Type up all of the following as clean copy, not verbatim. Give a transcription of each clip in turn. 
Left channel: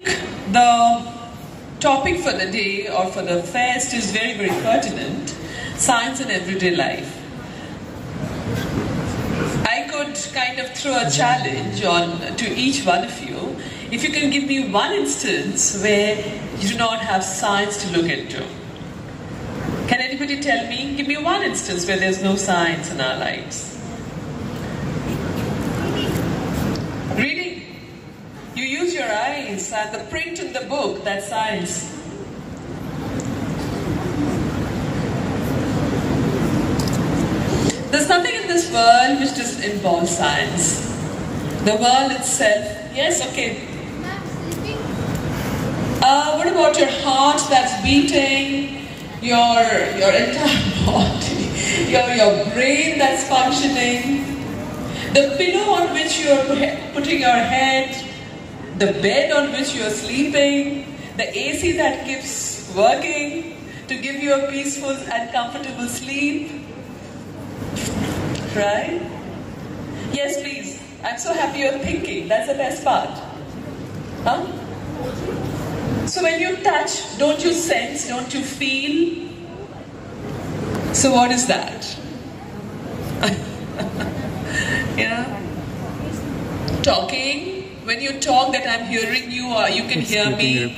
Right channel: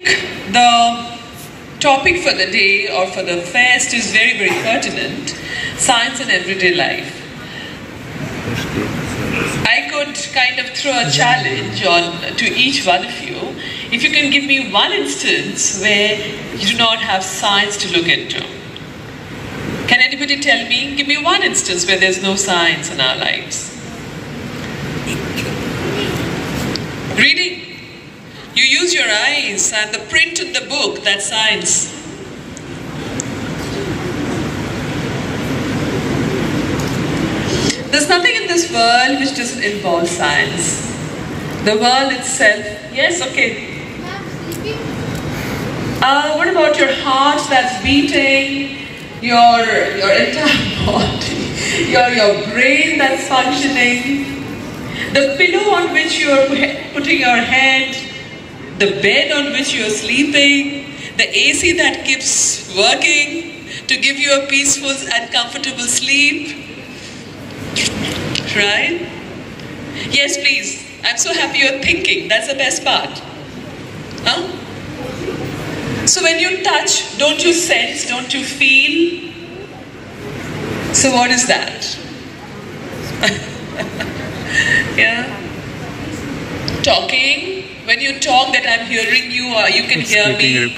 The topic for the day or for the fest is very, very pertinent. Science in everyday life. I could kind of throw a challenge to each one of you. If you can give me one instance where you do not have science to look into. Can anybody tell me? Give me one instance where there's no science in our lives. Reading. You use your eyes and the print in the book, that's science. There's nothing in this world which doesn't involve science. The world itself, yes, okay. What about your heart that's beating, your entire body, your brain that's functioning, the pillow on which you are putting your head, the bed on which you are sleeping, the AC that keeps working to give you a peaceful and comfortable sleep. Right? Yes, please. I'm so happy you're thinking. That's the best part. Huh? So when you touch, don't you sense, don't you feel? So what is that? Yeah? Talking. When you talk that I'm hearing you or you can hear me.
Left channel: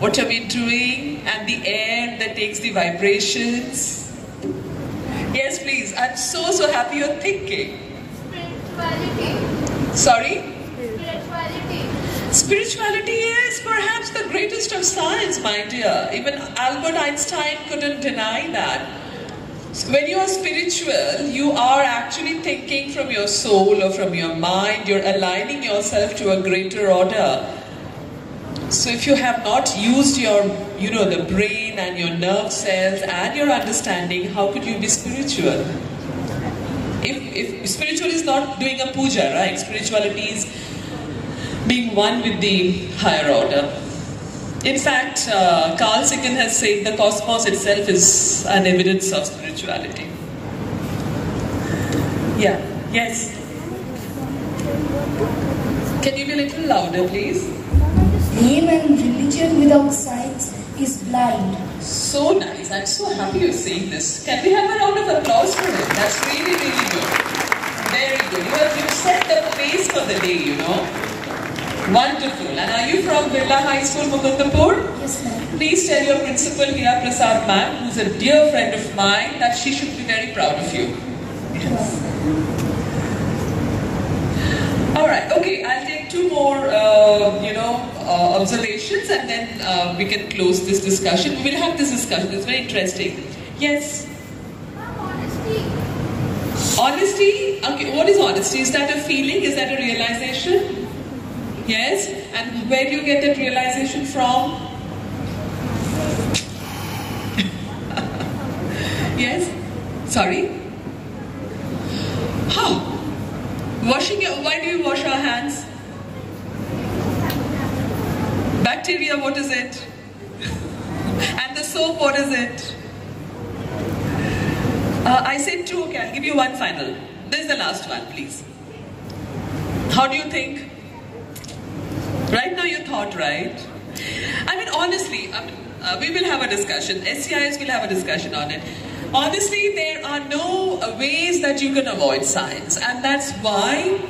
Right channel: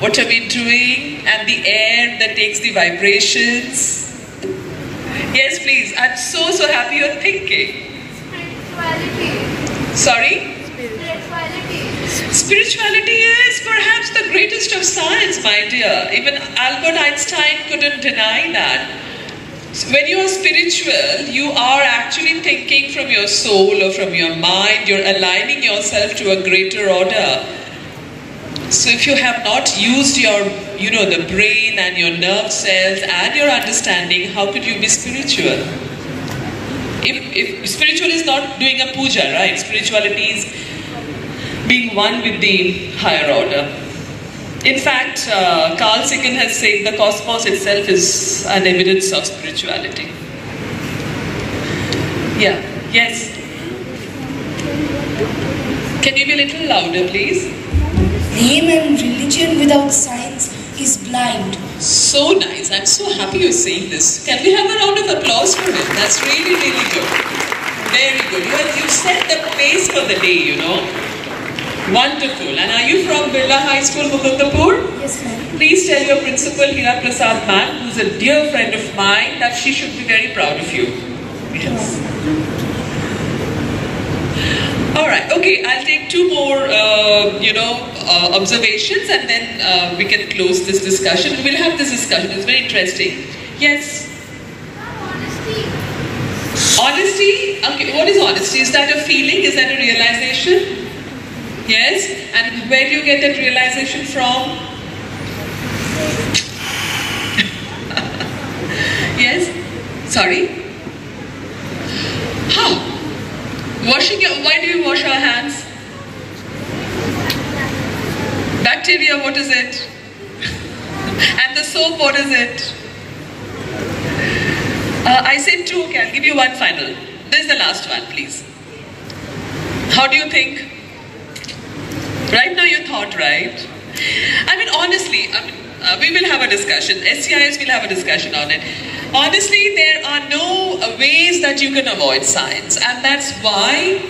What are we doing? And the air that takes the vibrations. Yes, please. I'm so happy you're thinking. Spirituality. Sorry? Spirituality. Spirituality is perhaps the greatest of science, my dear. Even Albert Einstein couldn't deny that. When you are spiritual, you are actually thinking from your soul or from your mind. You're aligning yourself to a greater order. So if you have not used your, the brain and your nerve cells and your understanding, how could you be spiritual? If spiritual is not doing a puja, right? Spirituality is being one with the higher order. In fact, Carl Sagan has said the cosmos itself is an evidence of spirituality. Yeah, yes. Can you be a little louder, please? Name and religion without science is blind. So nice. I'm so happy you're saying this. Can we have a round of applause for him? That's really, really good. Very good. You set the pace for the day, Wonderful. And are you from Birla High School, Mukundapur? Yes, ma'am. Please tell your principal, Hira Prasad ma'am, who's a dear friend of mine, that she should be very proud of you. Yes. Alright, okay, I'll take two more, observations and then we can close this discussion. We'll have this discussion, it's very interesting. Yes? Honesty. Honesty? Okay, what is honesty? Is that a feeling? Is that a realization? Yes? And where do you get that realization from? Yes? Sorry? How? Why do you wash our hands? Bacteria, what is it? And the soap, what is it? I said two, okay, I'll give you one final. This is the last one, please. How do you think? Right now you thought, right? I mean, honestly, we will have a discussion. SCIS will have a discussion on it. Honestly, there are no ways that you can avoid science. And that's why,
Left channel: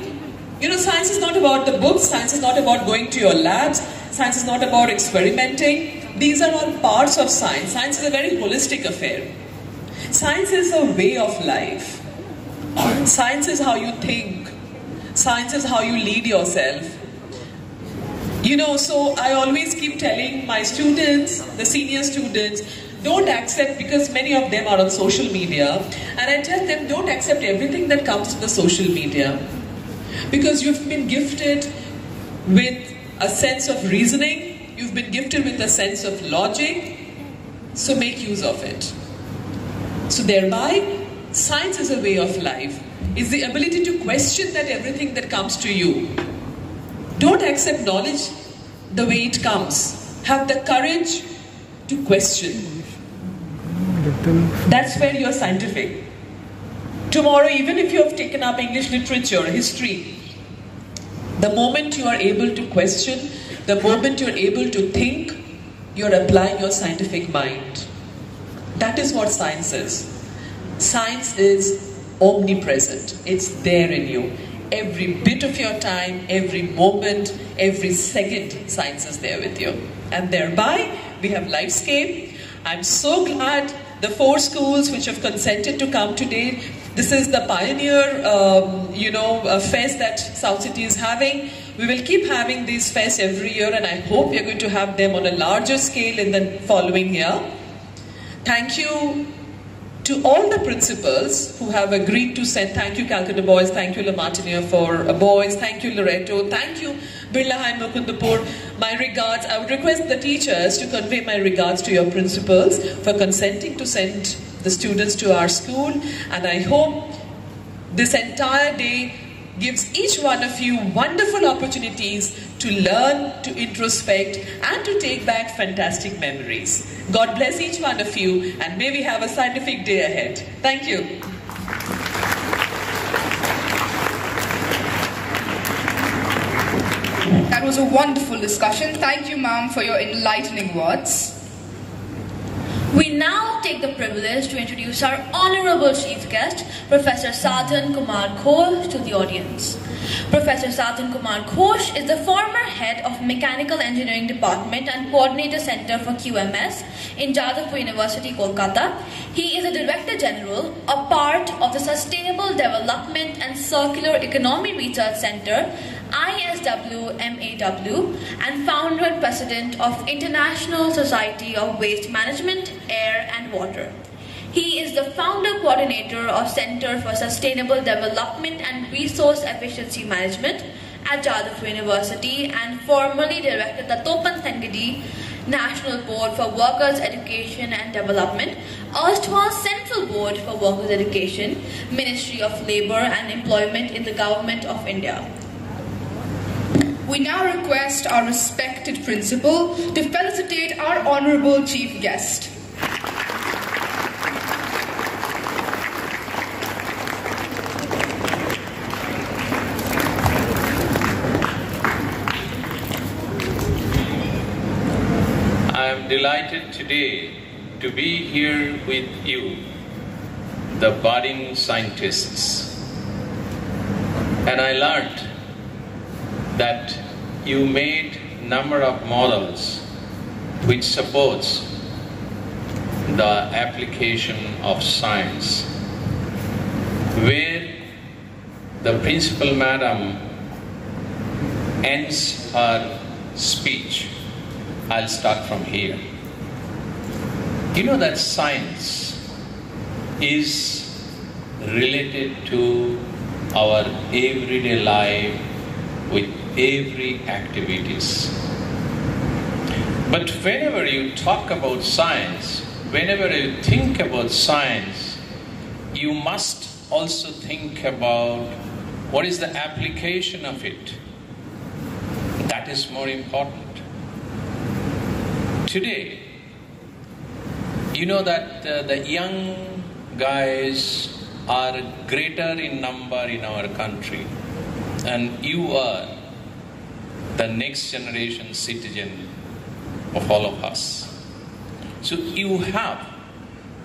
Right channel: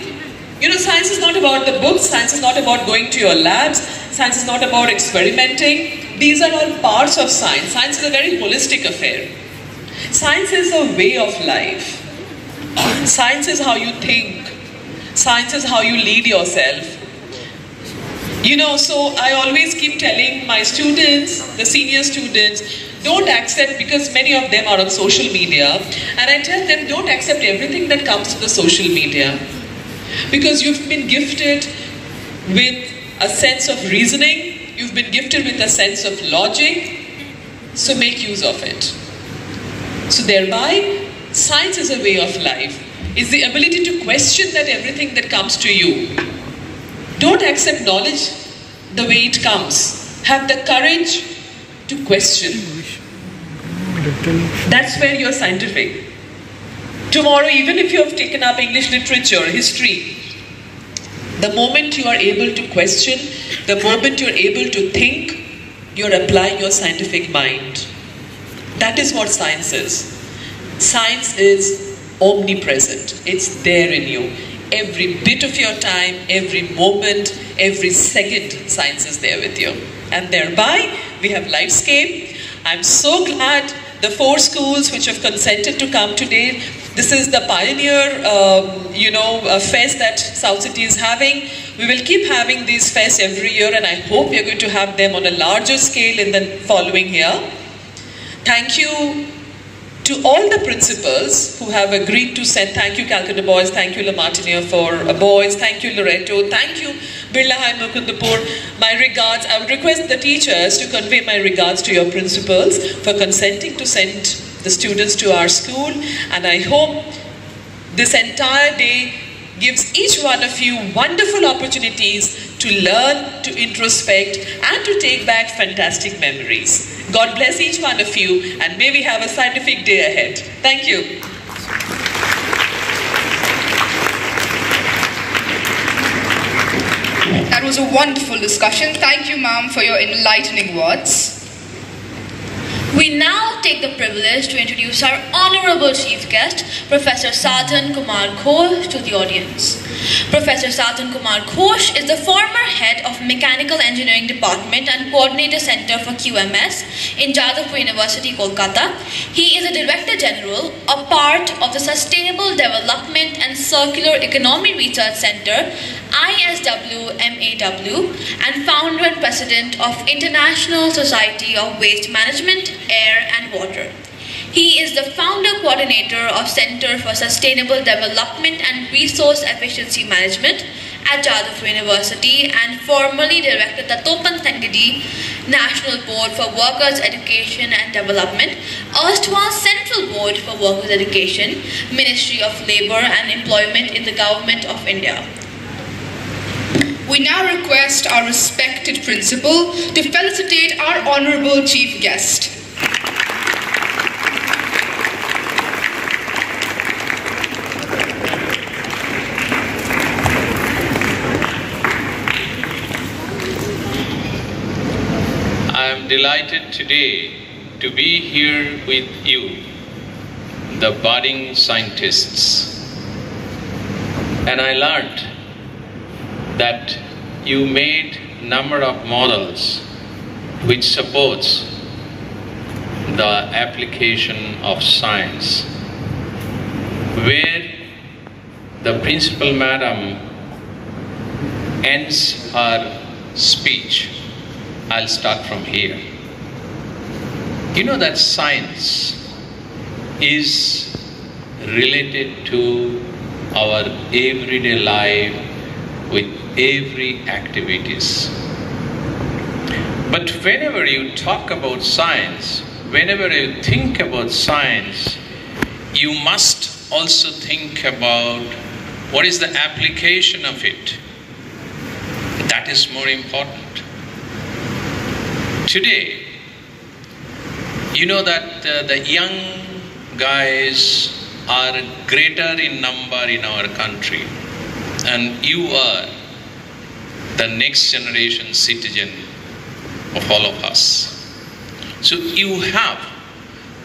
science is not about the books. Science is not about going to your labs. Science is not about experimenting. These are all parts of science. Science is a very holistic affair. Science is a way of life. Science is how you think. Science is how you lead yourself. So I always keep telling my students, the senior students, don't accept, because many of them are on social media, and I tell them don't accept everything that comes to the social media. Because you've been gifted with a sense of reasoning, you've been gifted with a sense of logic, so make use of it. So thereby, science is a way of life. It's the ability to question that everything that comes to you. Don't accept knowledge the way it comes. Have the courage to question. That's where you're scientific. Tomorrow, even if you have taken up English literature, history, the moment you are able to question The moment you're able to think, you're applying your scientific mind. That is what science is. Science is omnipresent. It's there in you. Every bit of your time, every moment, every second, science is there with you. And thereby, we have Lifescape. I'm so glad the 4 schools which have consented to come today. This is the pioneer, fest that South City is having. We will keep having these fests every year, and I hope you're going to have them on a larger scale in the following year. Thank you to all the principals who have agreed to send. Thank you, Calcutta Boys. Thank you, La Martiniere for Boys. Thank you, Loreto. Thank you, Birla High Mukundapur. My regards. I would request the teachers to convey my regards to your principals for consenting to send the students to our school. And I hope this entire day gives each one of you wonderful opportunities to learn, to introspect, and to take back fantastic memories. God bless each one of you, and may we have a scientific day ahead. Thank you. That was a wonderful discussion. Thank you, ma'am, for your enlightening words. We now take the privilege to introduce our honorable chief guest, Professor Sadhan Kumar Ghosh, to the audience. Professor Sadhan Kumar Ghosh is the former head of Mechanical Engineering Department and Coordinator Center for QMS in Jadavpur University, Kolkata. He is a Director General, a part of the Sustainable Development and Circular Economy Research Center, ISW MAW, and founder and president of International Society of Waste Management, Air and Water. He is the founder coordinator of Center for Sustainable Development and Resource Efficiency Management at Jadavpur University and formerly directed the Topan Tangadi National Board for Workers' Education and Development, erstwhile Central Board for Workers' Education, Ministry of Labour and Employment in the Government of India. We now request our respected principal to felicitate our honorable chief guest. I am delighted today to be here with you, the budding scientists. And I learned that you made number of models which supports the application of science, where the principal madam ends her speech. I'll start from here. You know that science is related to our everyday life with every activities. But whenever you talk about science, whenever you think about science, you must also think about what is the application of it. That is more important. Today, you know that the young guys are greater in number in our country, and you are the next generation citizen of all of us. So you have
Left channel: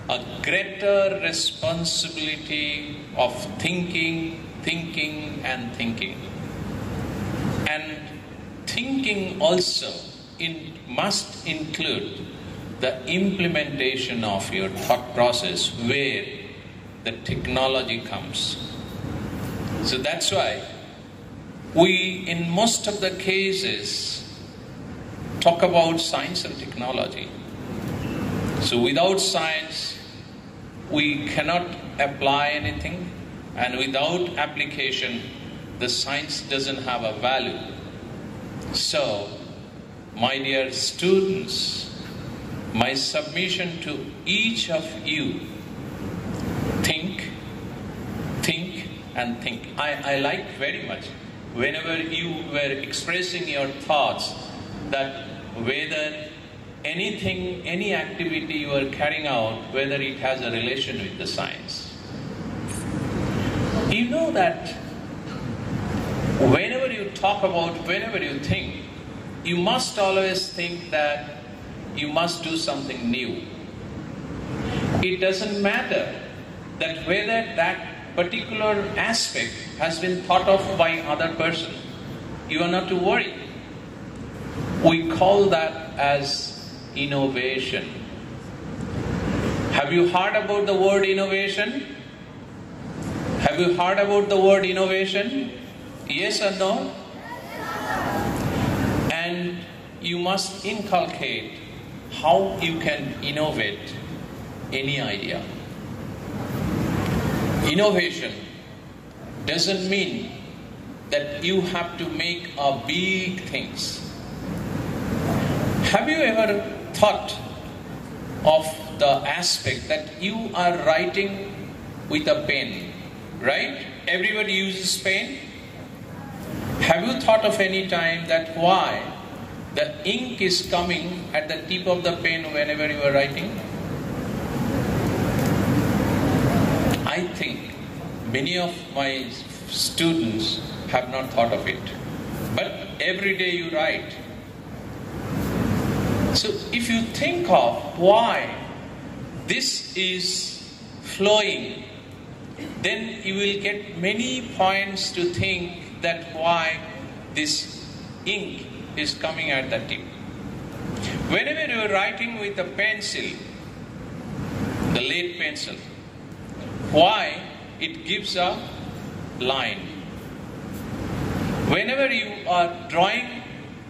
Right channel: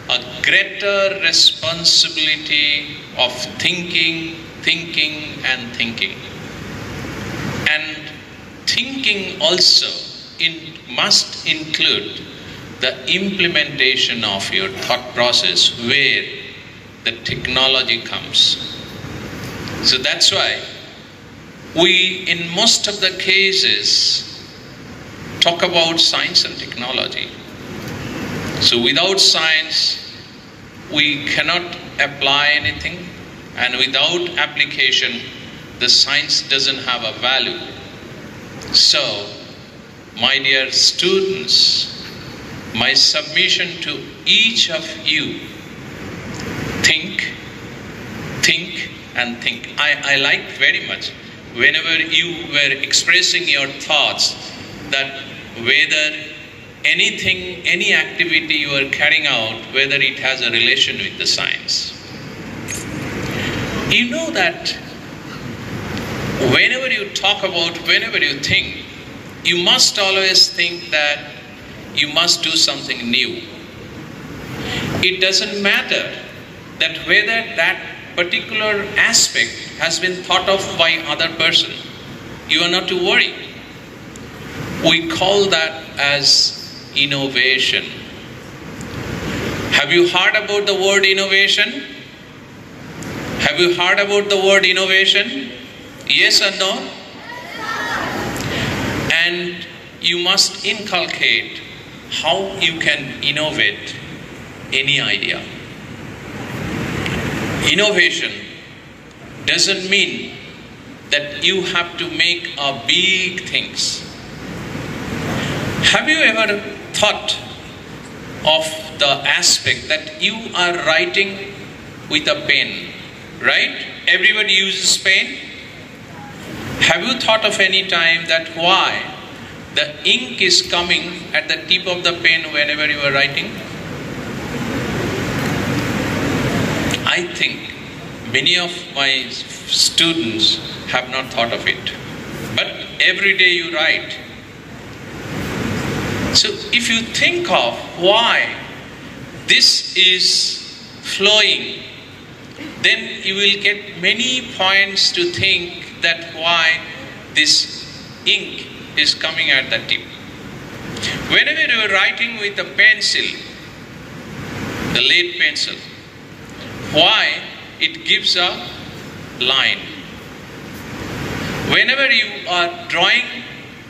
a greater responsibility of thinking. And thinking also must include the implementation of your thought process where the technology comes. So that's why we, in most of the cases, talk about science and technology. So without science, we cannot apply anything, and without application, the science doesn't have a value. So, my dear students, my submission to each of you, think, and think. I liked very much whenever you were expressing your thoughts that whether anything, any activity you are carrying out, whether it has a relation with the science. You know that whenever you talk about, whenever you think, you must always think that you must do something new. It doesn't matter that whether that particular aspect has been thought of by other person. You are not to worry. We call that as innovation. Have you heard about the word innovation? Have you heard about the word innovation? Yes or no? And you must inculcate how you can innovate any idea. Innovation doesn't mean that you have to make big things. Have you ever thought of the aspect that you are writing with a pen, right? Everybody uses pen. Have you thought of any time that why the ink is coming at the tip of the pen whenever you are writing? I think many of my students have not thought of it. But every day you write. So if you think of why this is flowing, then you will get many points to think that why this ink is coming at the tip. Whenever you are writing with a pencil, the lead pencil, why it gives a line. Whenever you are drawing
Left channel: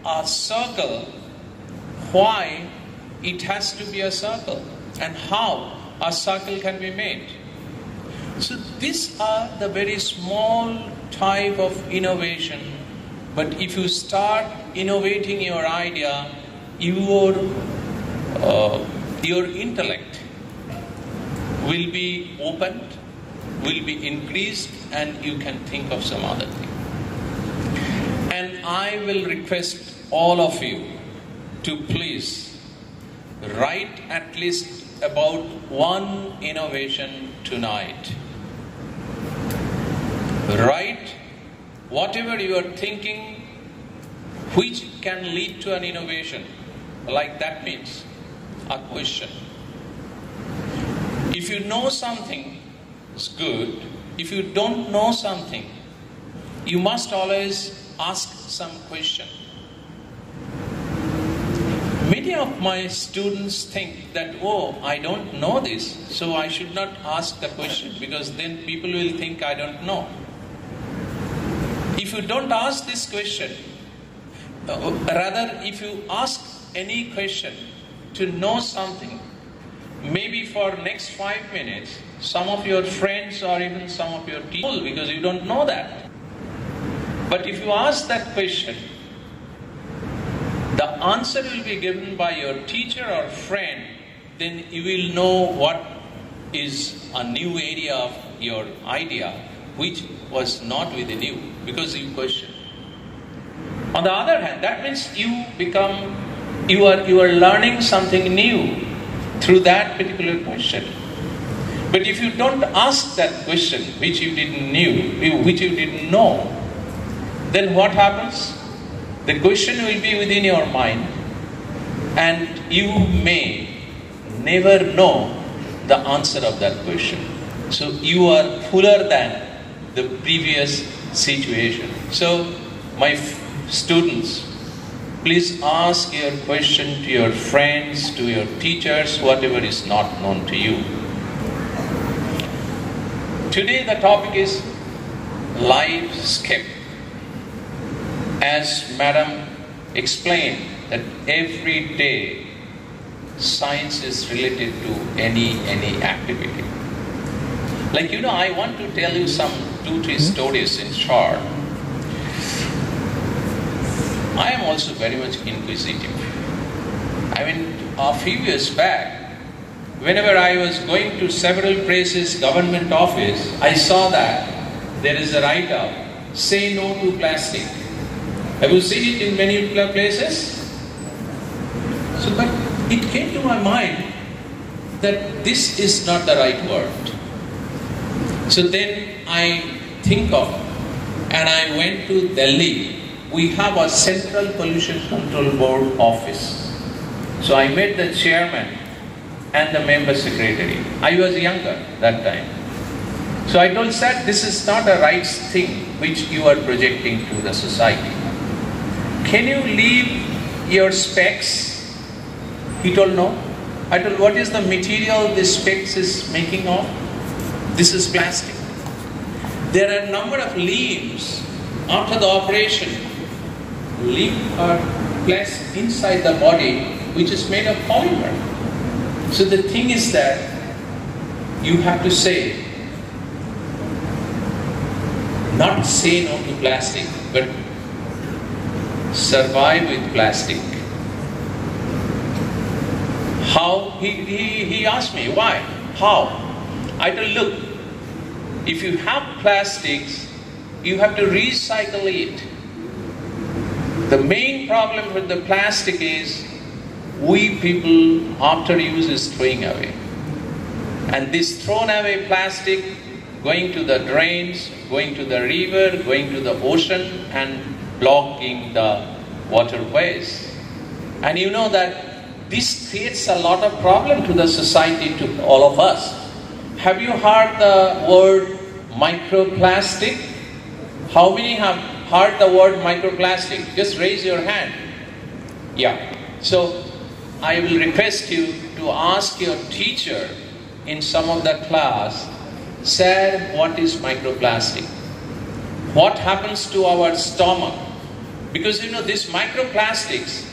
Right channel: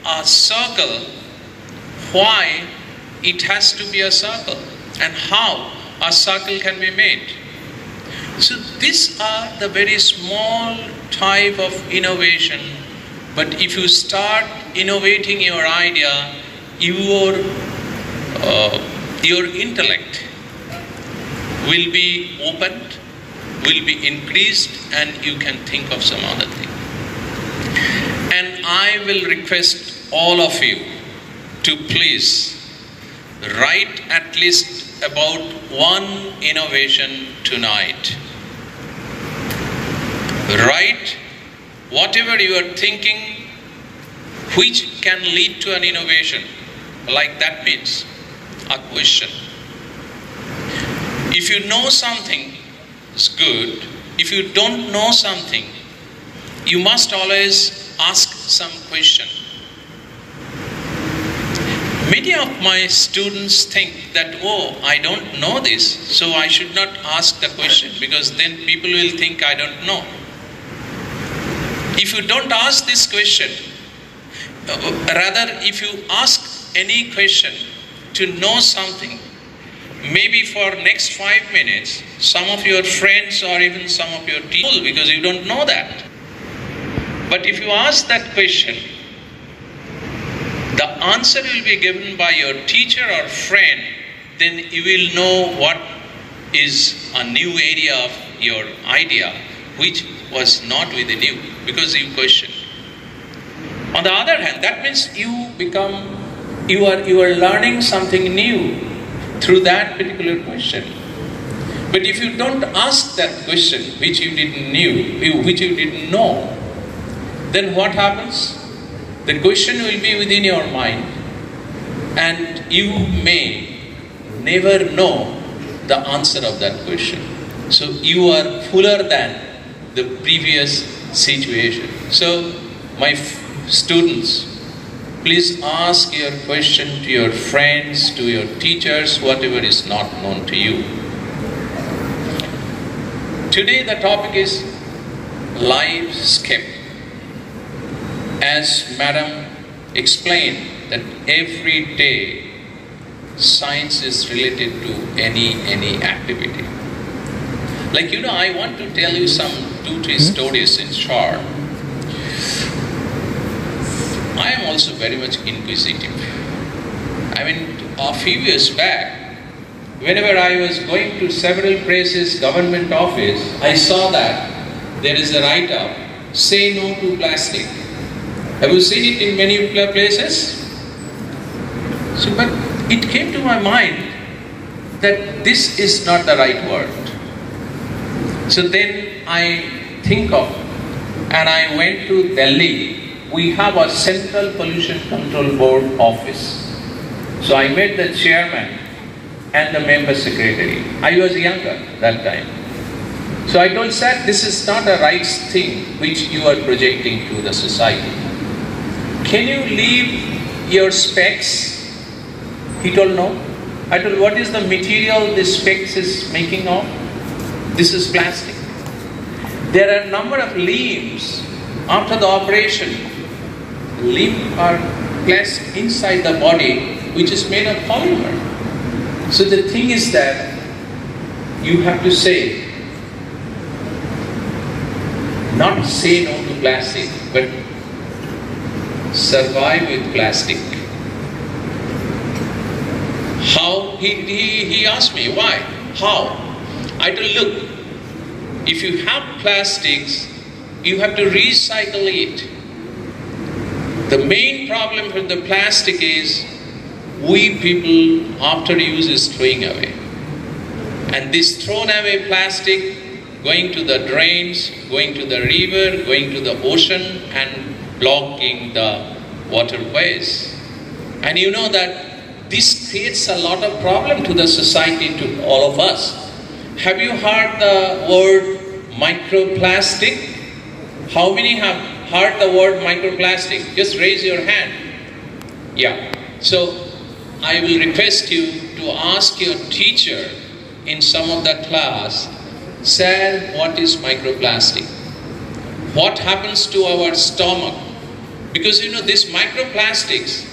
a circle, why it has to be a circle and how a circle can be made. So these are the very small type of innovation, but if you start innovating your idea, your intellect will be opened, will be increased, and you can think of some other thing. And I will request all of you to please write at least about one innovation tonight. Write whatever you are thinking which can lead to an innovation. Like that means a question. If you know something, it's good. If you don't know something, you must always ask some question. Many of my students think that, oh, I don't know this, so I should not ask the question because then people will think I don't know. If you don't ask this question, rather if you ask any question to know something, maybe for next 5 minutes, some of your friends or even some of your teachers, because you don't know that. But if you ask that question, the answer will be given by your teacher or friend, then you will know what is a new area of your idea, which was not within you, because you questioned. On the other hand, that means you are learning something new through that particular question. But if you don't ask that question, which you didn't know, then what happens? The question will be within your mind, and you may never know the answer of that question. So you are fuller than the previous situation. So my students, please ask your question to your friends, to your teachers, whatever is not known to you. Today the topic is life-skip. As Madam explained, that every day science is related to any activity. Like, I want to tell you some 2-3 stories in short. I am also very much inquisitive. A few years back, whenever I was going to several places, government office, I saw that there is a write-up, say no to plastic. Have you seen it in many places? So, but it came to my mind that this is not the right word. So then I think of, and I went to Delhi we have a Central Pollution Control Board office. So I met the chairman and the member secretary. I was younger that time. So I told, sir, this is not a right thing which you are projecting to the society. Can you leave your specs? He told, no. I told, what is the material this specs is making of? This is plastic. There are a number of leaves after the operation. Leaves are placed inside the body, which is made of polymer. So the thing is that you have to say, not say no to plastic, but survive with plastic. How? He asked me, why? How? I told, look, if you have plastics, you have to recycle it. The main problem with the plastic is, we people after use is throwing away. And this thrown away plastic going to the drains, going to the river, going to the ocean and blocking the waterways. And you know that this creates a lot of problem to the society, to all of us. Have you heard the word microplastic? How many have heard the word microplastic? Just raise your hand. Yeah. So I will request you to ask your teacher in some of the class, sir, what is microplastic? What happens to our stomach? Because you know, these microplastics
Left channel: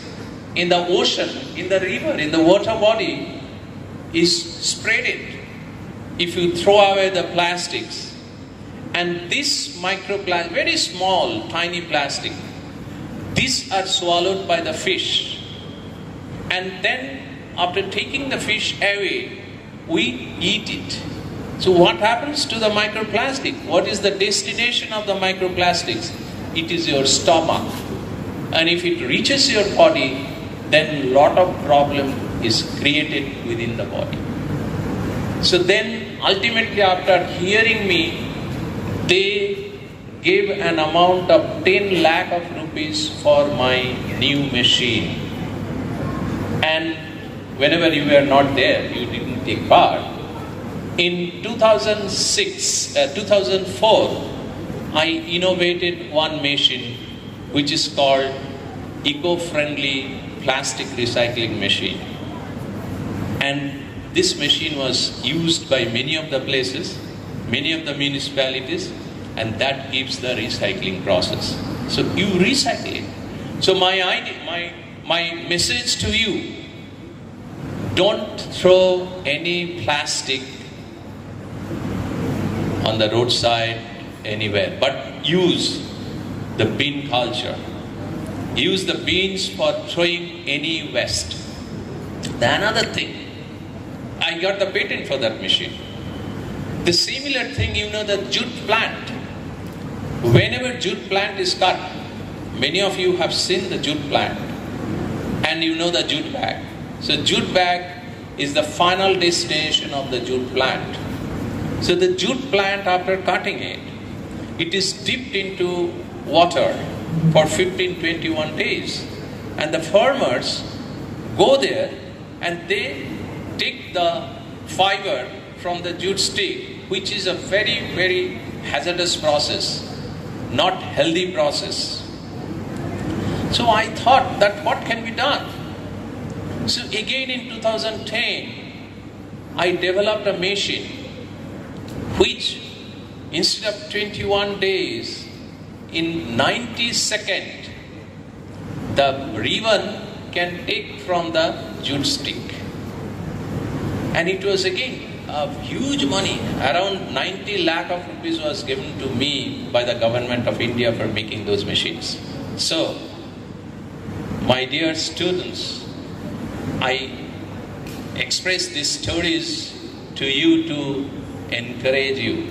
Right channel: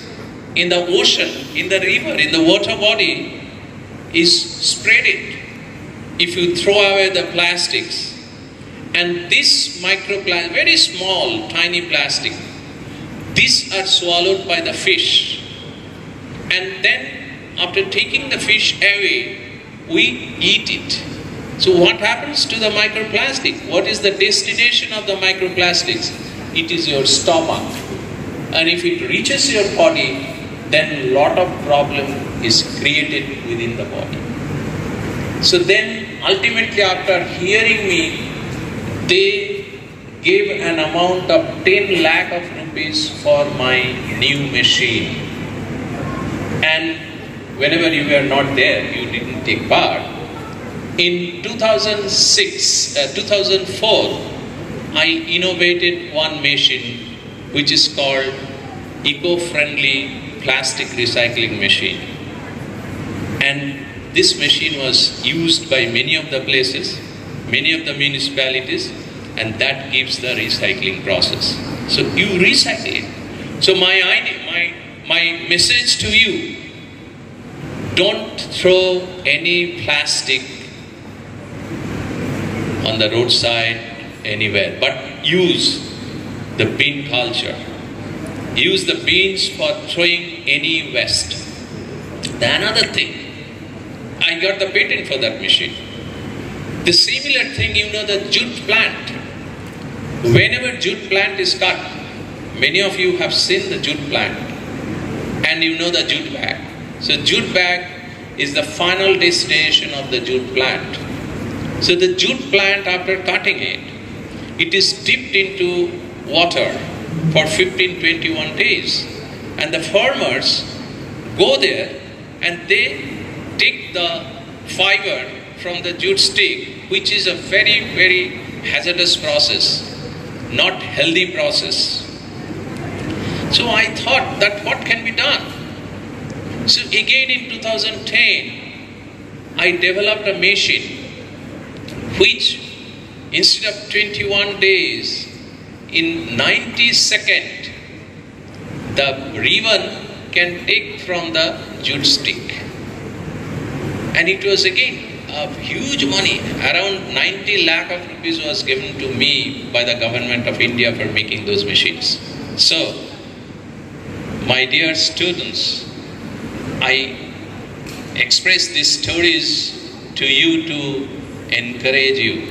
in the ocean, in the river, in the water body is spreading if you throw away the plastics. And this microplastic, very small, tiny plastic, these are swallowed by the fish. And then after taking the fish away, we eat it. So what happens to the microplastic? What is the destination of the microplastics? It is your stomach. And if it reaches your body, then a lot of problem is created within the body. So then ultimately after hearing me, they gave an amount of 10 lakh of rupees for my new machine. And whenever you were not there, you didn't take part. In 2004, I innovated one machine which is called eco-friendly plastic recycling machine. And this machine was used by many of the places, many of the municipalities, and that gives the recycling process. So you recycle it. So my message to you, don't throw any plastic on the roadside anywhere, but use the bin culture. Use the bins for throwing any waste. The another thing, I got the patent for that machine. The similar thing, you know, the jute plant. Whenever jute plant is cut, many of you have seen the jute plant, and you know the jute bag. So jute bag is the final destination of the jute plant. So the jute plant, after cutting it, it is dipped into water for 15-21 days. And the farmers go there and they take the fiber from the jute stick, which is a very, very hazardous process, not healthy process. So I thought that what can be done? So again in 2010, I developed a machine which instead of 21 days, in 90 seconds, the ribbon can take from the jute stick. And it was again a huge money, around 90 lakh of rupees was given to me by the government of India for making those machines. So, my dear students, I express these stories to you to encourage you.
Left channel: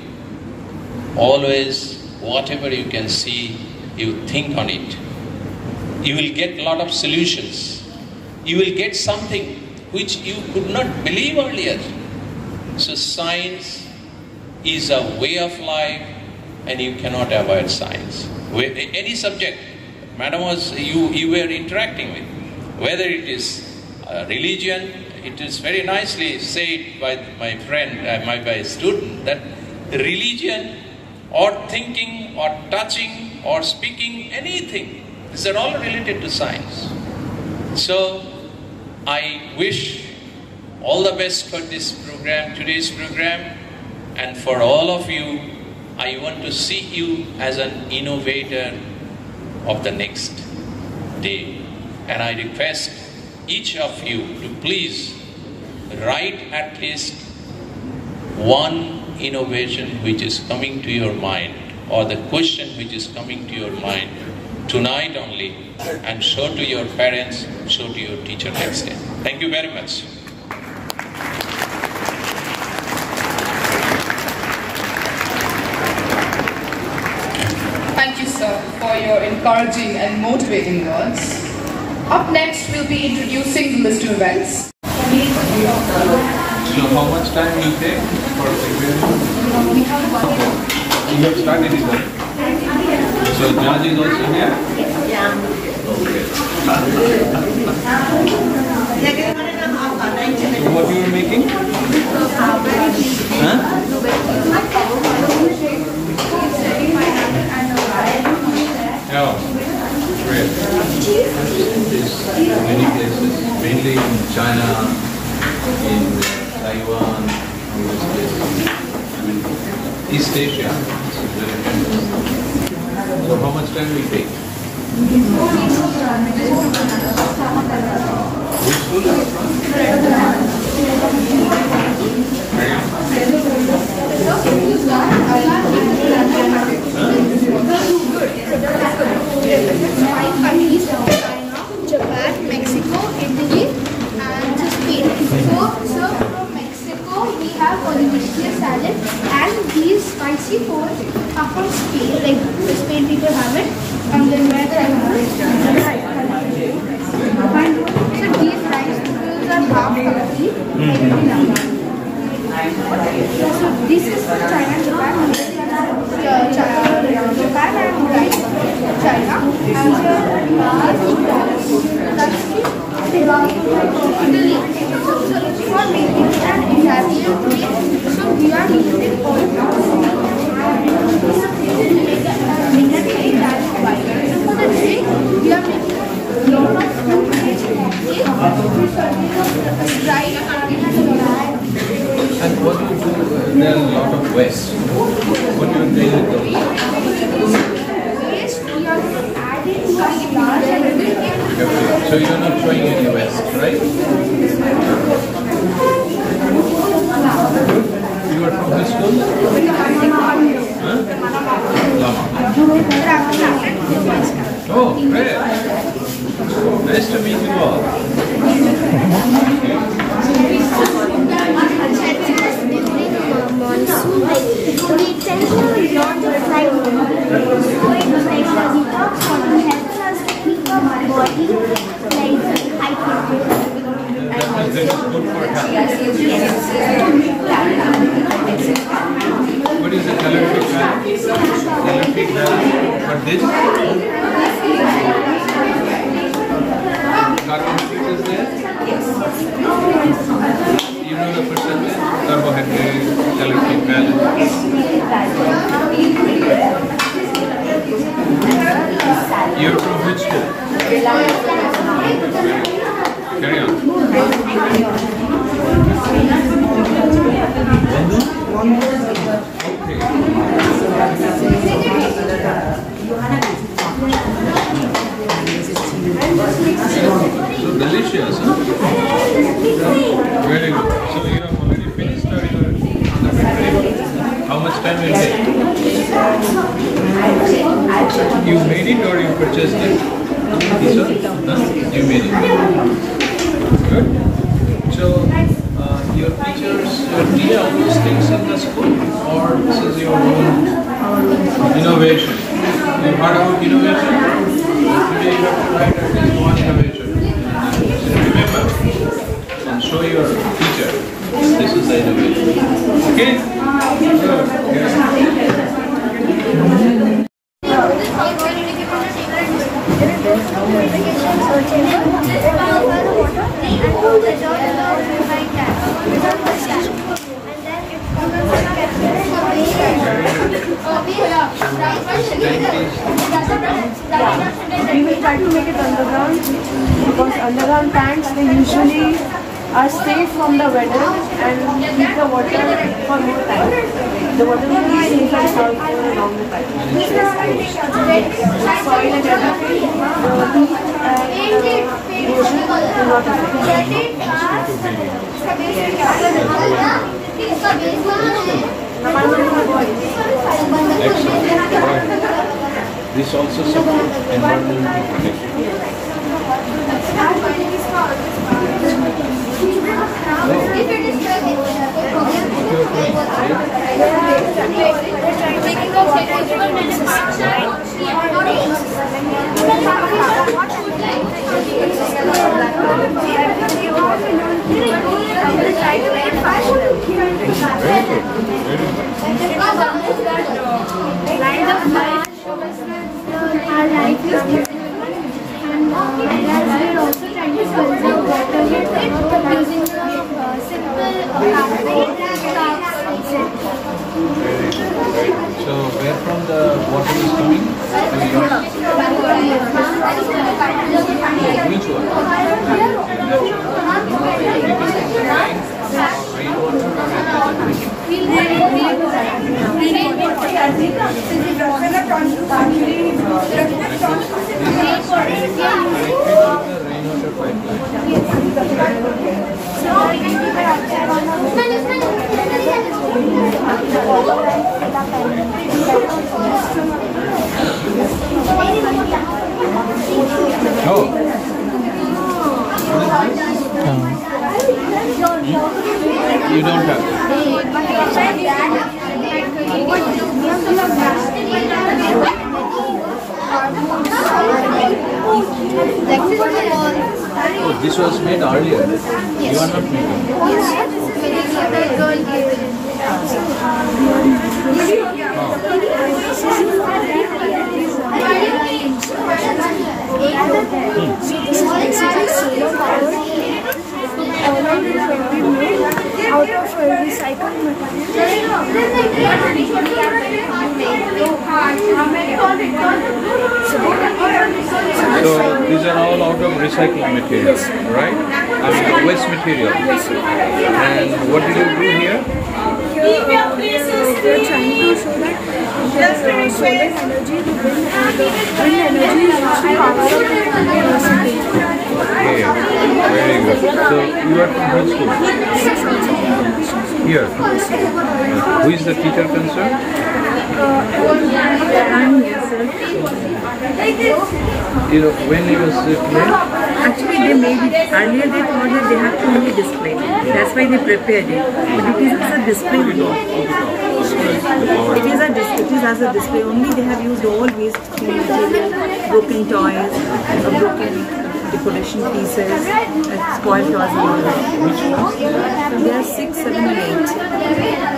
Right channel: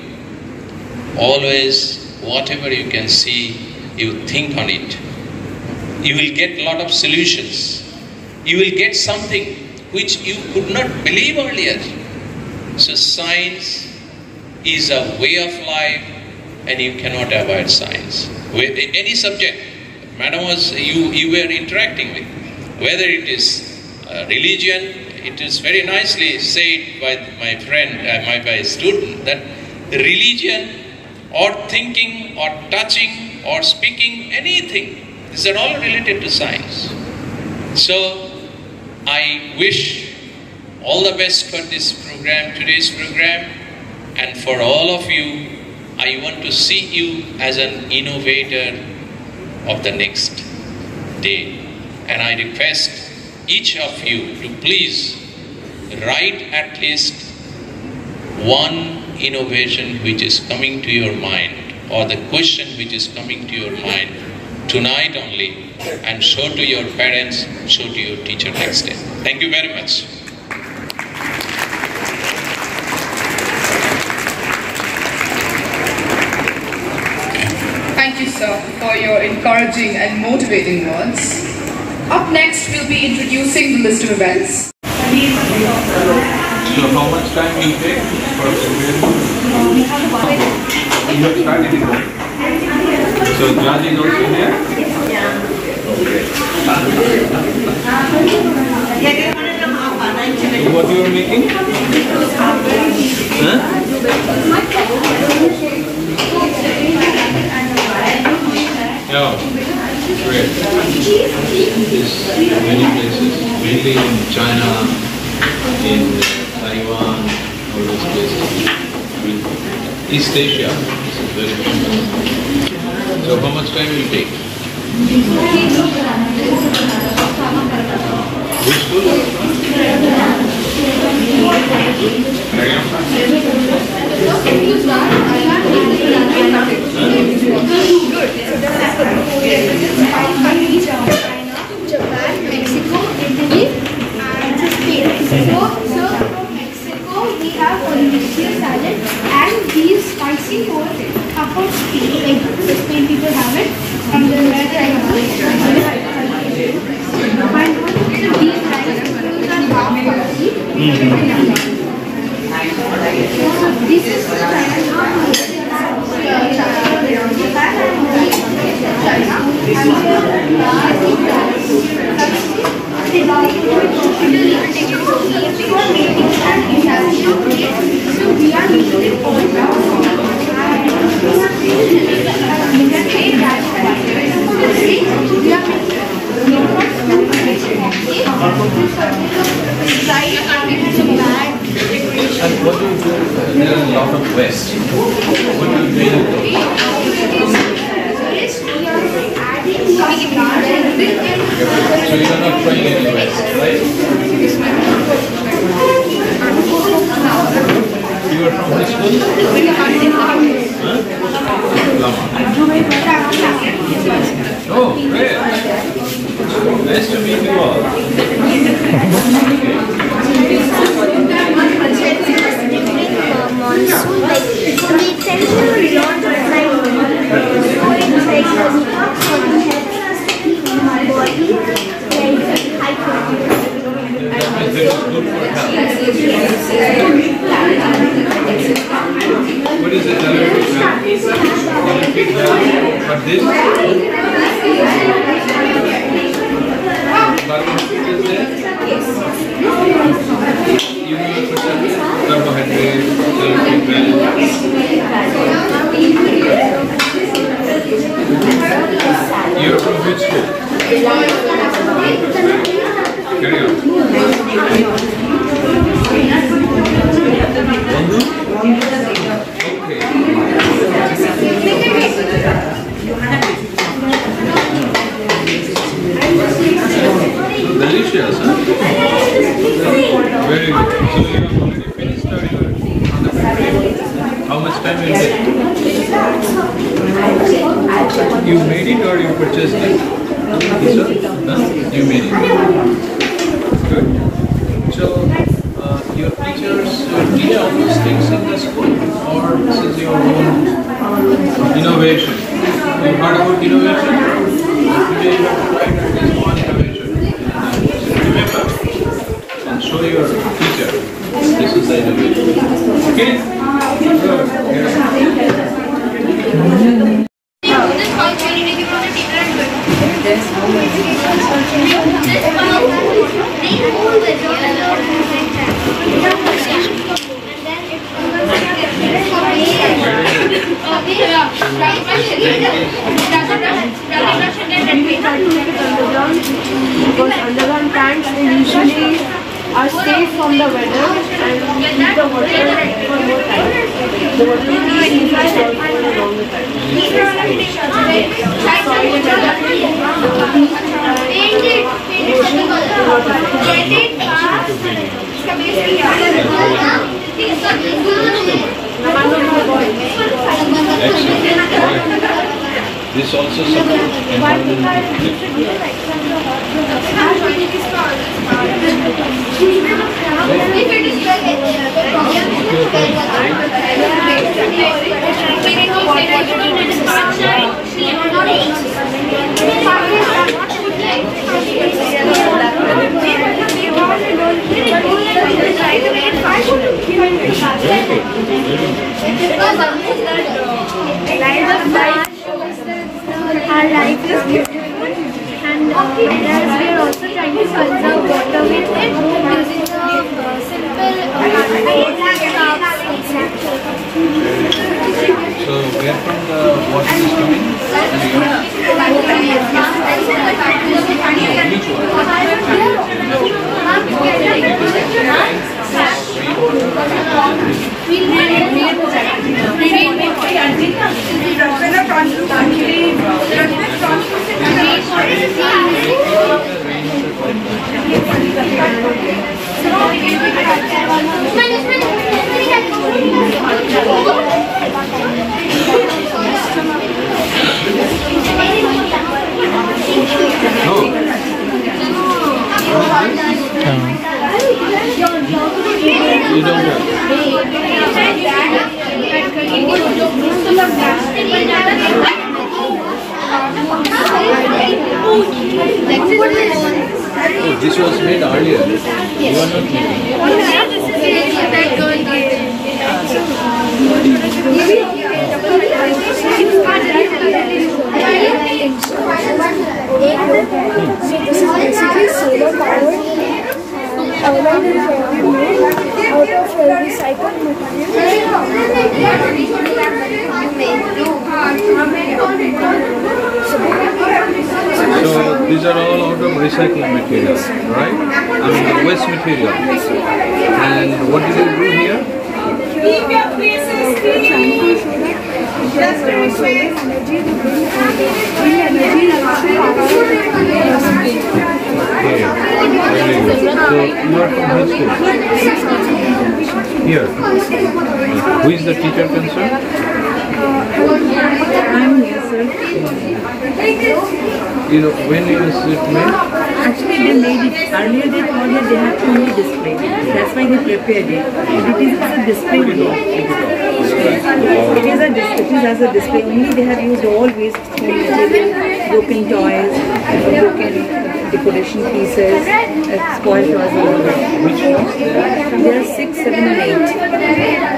Always, whatever you can see, you think on it. You will get a lot of solutions. You will get something which you could not believe earlier. So science is a way of life and you cannot avoid science. With any subject, madam was, you were interacting with. Whether it is religion, it is very nicely said by my friend, by a student, that religion or thinking or touching or speaking, anything, these are all related to science. So I wish all the best for this program, today's program, and for all of you. I want to see you as an innovator of the next day. And I request each of you to please write at least one innovation which is coming to your mind, or the question which is coming to your mind tonight only, and show to your parents, show to your teacher next day. Thank you very much. Thank you, sir, for your encouraging and motivating words. Up next, we'll be introducing the list of events. So how much time will it take for preparation? You have started it. So judge is also there? So what you are making? Huh? Oh, great. This many places, mainly in China, in Taiwan, all those places. I mean, East Asia, this is very famous. So how much time will it take? Which school are you from? Japan, Mexico, Italy, and Spain. So from Mexico we have Polynesian salad, and these spicy food are from Spain. Like the Spain people have it, and then where the and so these rice noodles are half healthy. So this is the China, Japan, Japan and China, and so we are meeting all And what do you do? There are a lot of waste. What do you do with those? So you are not throwing any waste, right? You are from which school? Huh? Lama. Oh, great. Nice to meet you all. monsoon, like we tend to learn to fly body, like high That is good for health. What is the calorific value? Calorific value for this? Carbohydrate is there? You know the percentage? Carbohydrate, calorific value. You're from which school? Carry on. Okay. So delicious, huh? Very good. So you have already finished or how much time will it take? You made it or you purchased it? No? You made it. Good. So your teachers teach all these things in the school, or this is your own innovation? You heard about innovation? Today you have to write at least one innovation. Remember, and show your teacher this is the innovation. Okay? Good. This tanks usually are safe from the weather and keep the water for more time. The water will be safe and stored for a longer time. Soil and weather, the heat and ocean do not affect. This also supports environmental protection. And we're also trying to conserve water with it using simple So where from the water is coming? Which you don't have. Oh, this was made earlier. You are not making. that girl So this is basically solar power. Out of recycled So these are all out of recycled materials, right? I mean waste material. And what did you do here? We are trying to show that solar energy to bring energy to power. Okay, very good. So you are from which school? Here. Who is the teacher concerned? You know, when you sit made? Actually, they made it. Earlier they thought that they have to only display. That's why they prepared it. But it is a display only. It is as a display only. They have used all waste material, broken toys, broken decoration pieces, spoiled toys and all that. Which class? There are 6, 7 and 8.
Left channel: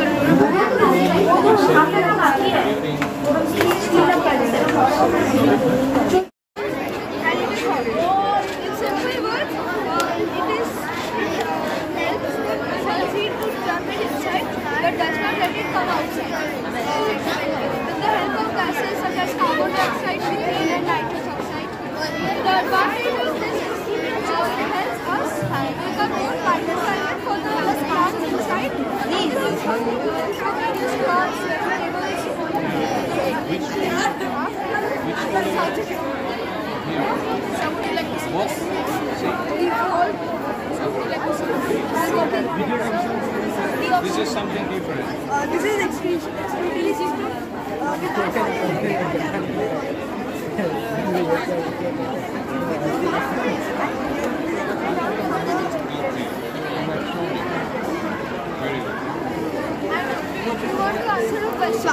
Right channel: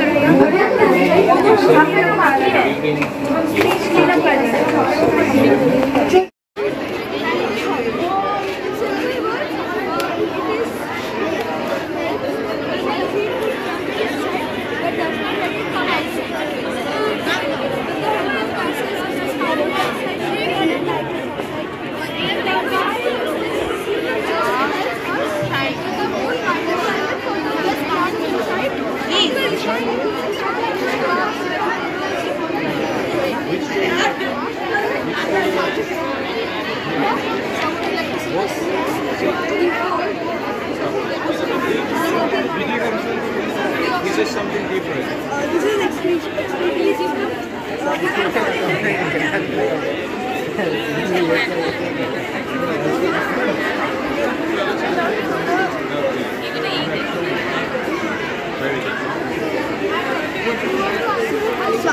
This is something different. This is extremely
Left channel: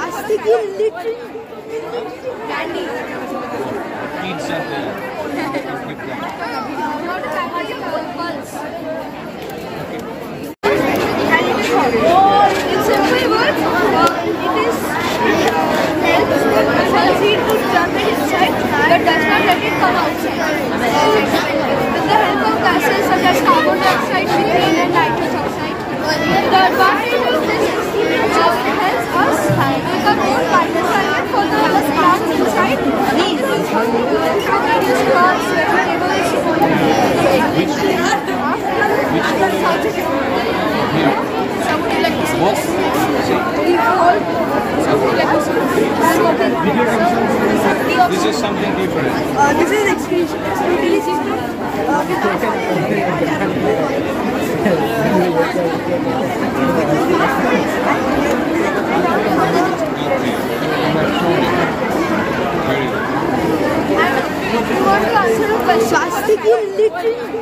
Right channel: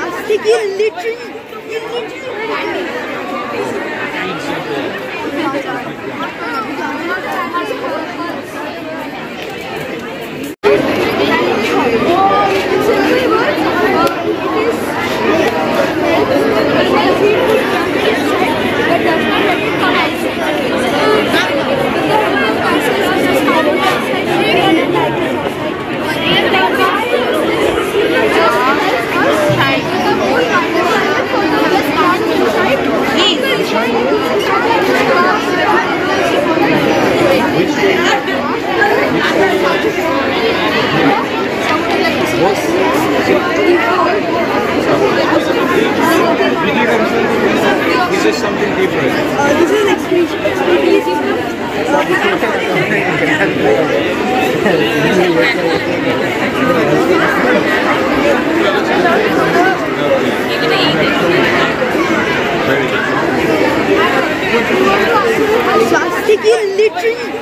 plastic Thank you. Plastic illiterate.